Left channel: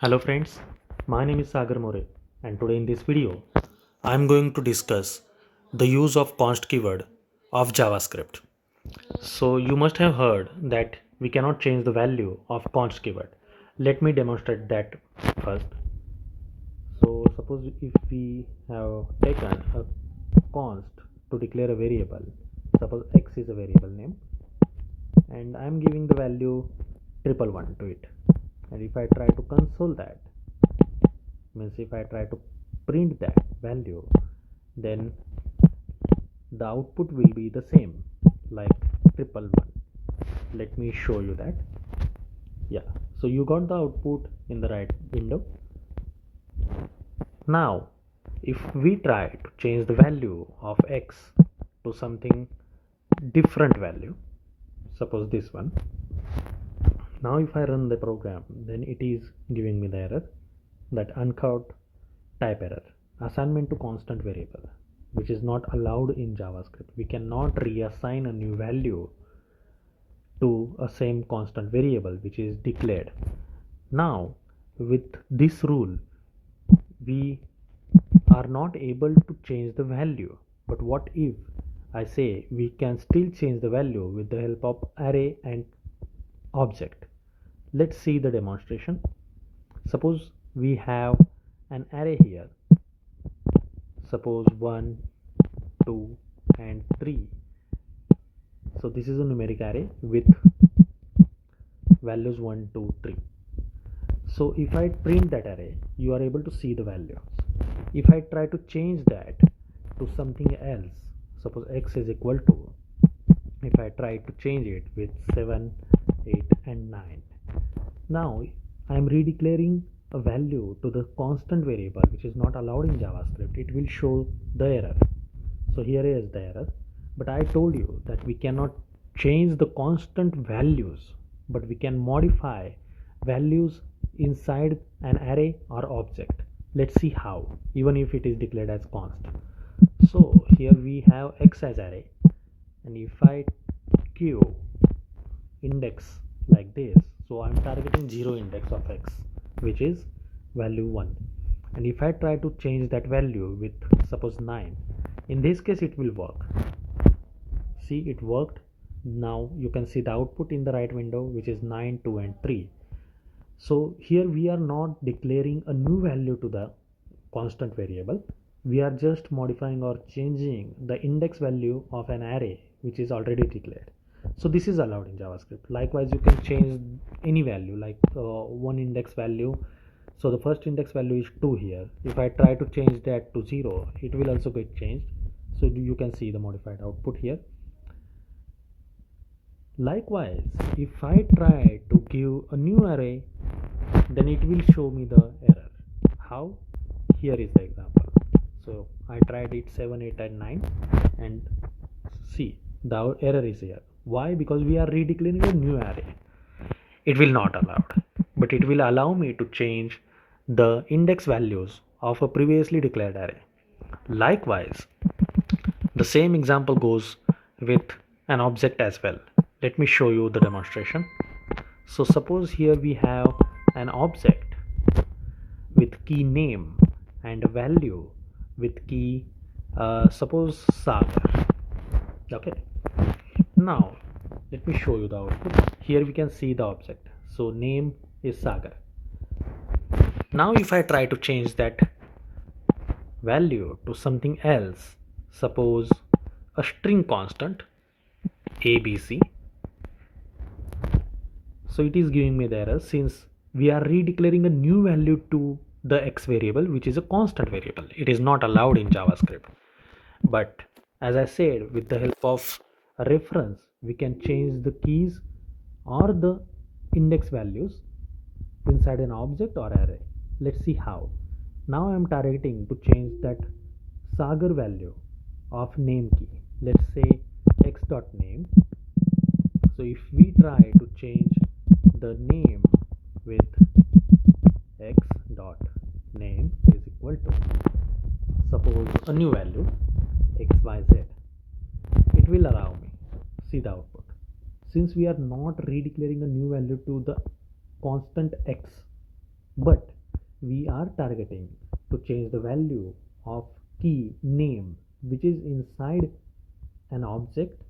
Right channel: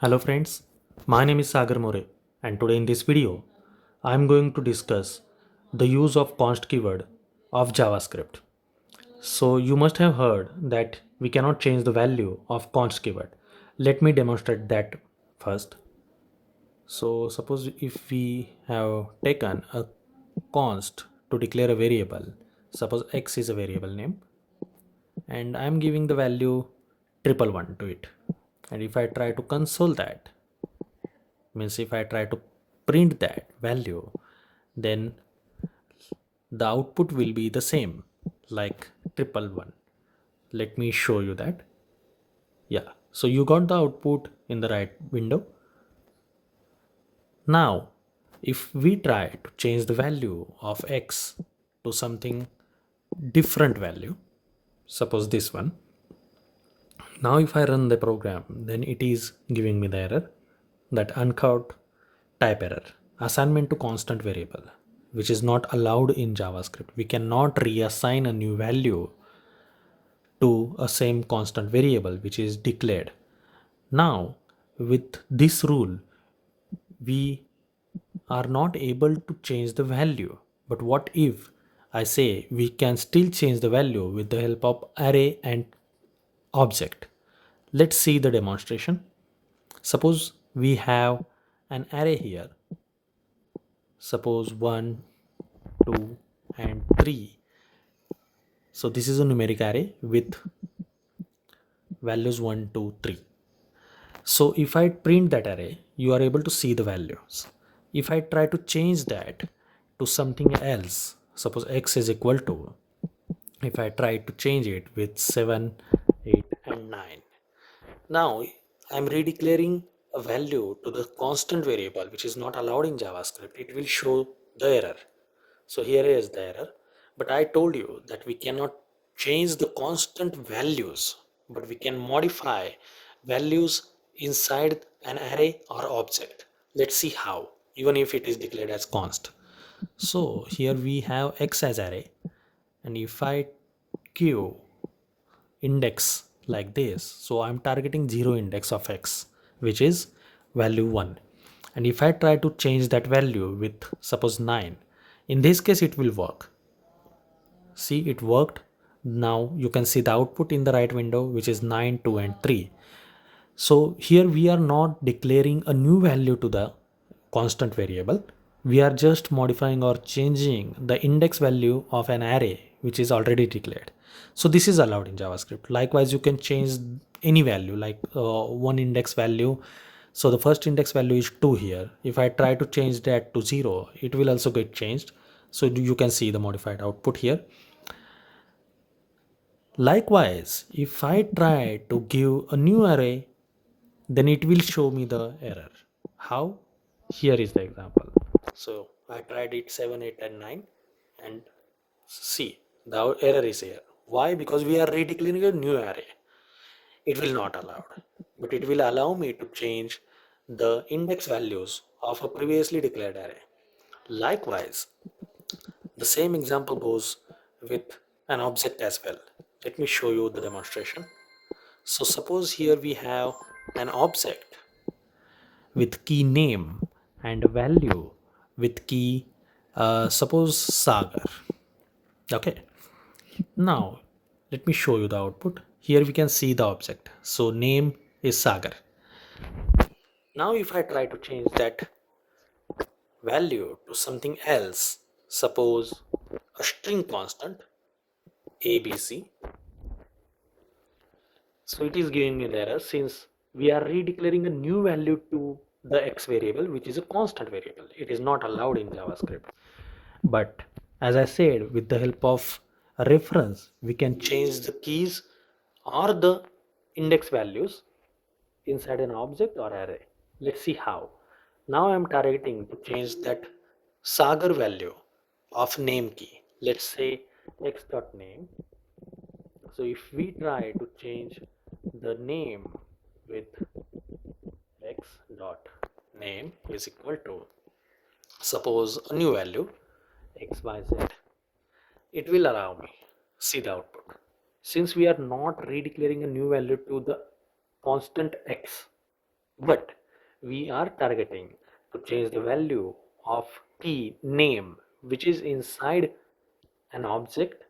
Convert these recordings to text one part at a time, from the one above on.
Hello friends, my name is Sagar More and today in this video I am going to discuss the use of const keyword of JavaScript. So you must have heard that we cannot change the value of const keyword. Let me demonstrate that first. So suppose if we have taken a const to declare a variable, suppose x is a variable name and I am giving the value triple one to it, and if I try to console that, means if I try to print that value, then the output will be the same like triple one. Let me show you that. Yeah, so you got the output in the right window. Now if we try to change the value of x to something different value, suppose this one. Now if I run the program, then it is giving me the error, that uncaught type error, assignment to constant variable, which is not allowed in JavaScript. We cannot reassign a new value to a same constant variable which is declared. Now with this rule, we are not able to change the value. But what if I say we can still change the value with the help of array and object? Let's see the demonstration. Suppose we have an array here, suppose 1, 2 and 3. So this is a numeric array with values 1, 2, 3. So if I print that array, you are able to see the values. If I try to change that to something else, suppose x is equal to, if I try to change it with 7, 8 and 9, now I'm redeclaring a value to the constant variable which is not allowed in JavaScript. It will show the error. So here is the error. But I told you that we cannot change the constant values, but we can modify values inside an array or object. Let's see how, even if it is declared as const. So here we have x as array, and if I give index like this, so I'm targeting 0 index of x, which is value 1. And if I try to change that value with suppose 9, in this case it will work. See, it worked. Now you can see the output in the right window, which is 9, 2 and 3. So here we are not declaring a new value to the constant variable. We are just modifying or changing the index value of an array which is already declared. So this is allowed in JavaScript. Likewise, you can change any value like one index value. So the first index value is 2 here. If I try to change that to 0, it will also get changed. So you can see the modified output here. Likewise, if I try to give a new array, then it will show me the error. How? Here is the example. So I tried it 7, 8 and 9, and see the error is here. Why? Because we are redeclaring a new array. It will not allowed, but it will allow me to change the index values of a previously declared array. Likewise, the same example goes with an object as well. Let me show you the demonstration. So suppose here we have an object with key name and a value with key suppose Sagar. Okay, now let me show you the output. Here we can see the object, so name is Sagar. Now if I try to change that value to something else, suppose a string constant abc, so it is giving me the error since we are redeclaring a new value to the x variable, which is a constant variable. It is not allowed in JavaScript. But as I said, with the help of a reference, we can change the keys or the index values inside an object or array. Let's see how. Now I am targeting to change that Sagar value of name key. Let's say x dot name. So if we try to change the name with x dot name is equal to suppose a new value xyz, it will allow me see the output. Since we are not redeclaring a new value to the constant x, but we are targeting to change the value of key name which is inside an object,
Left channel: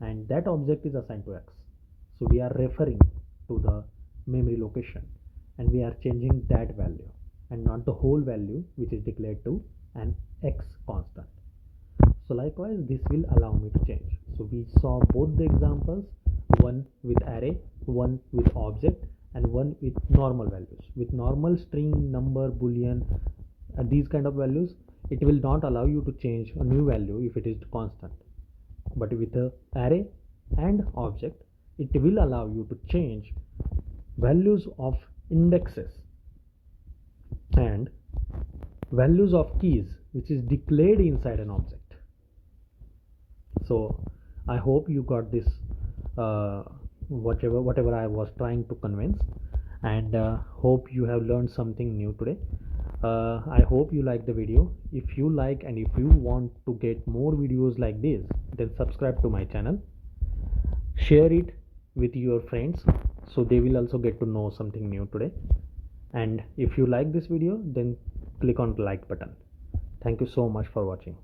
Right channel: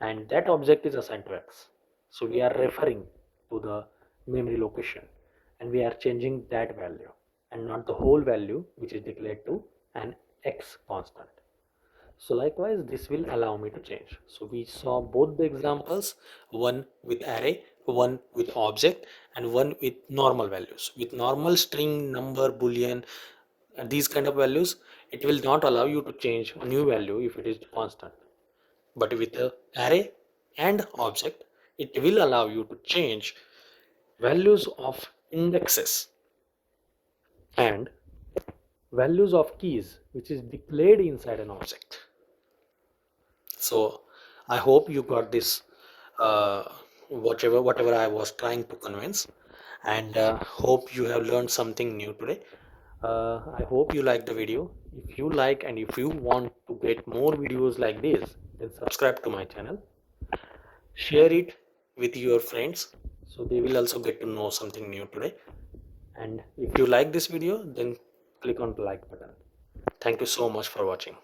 and that object is assigned to x. So we are referring to the memory location and we are changing that value and not the whole value which is declared to an x constant. So likewise this will allow me to change. So we saw both the examples, one with array, one with object, and one with normal values. With normal string, number, boolean, these kind of values, it will not allow you to change a new value if it is constant. But with a array and object, it will allow you to change values of indexes and values of keys which is declared inside an object. So I hope you got this, whatever I was trying to convince, and hope you have learned something new today. I hope you like the video. If you like and if you want to get more videos like this, then subscribe to my channel, share it with your friends so they will also get to know something new today. And if you like this video, then click on the like button. Thank you so much for watching.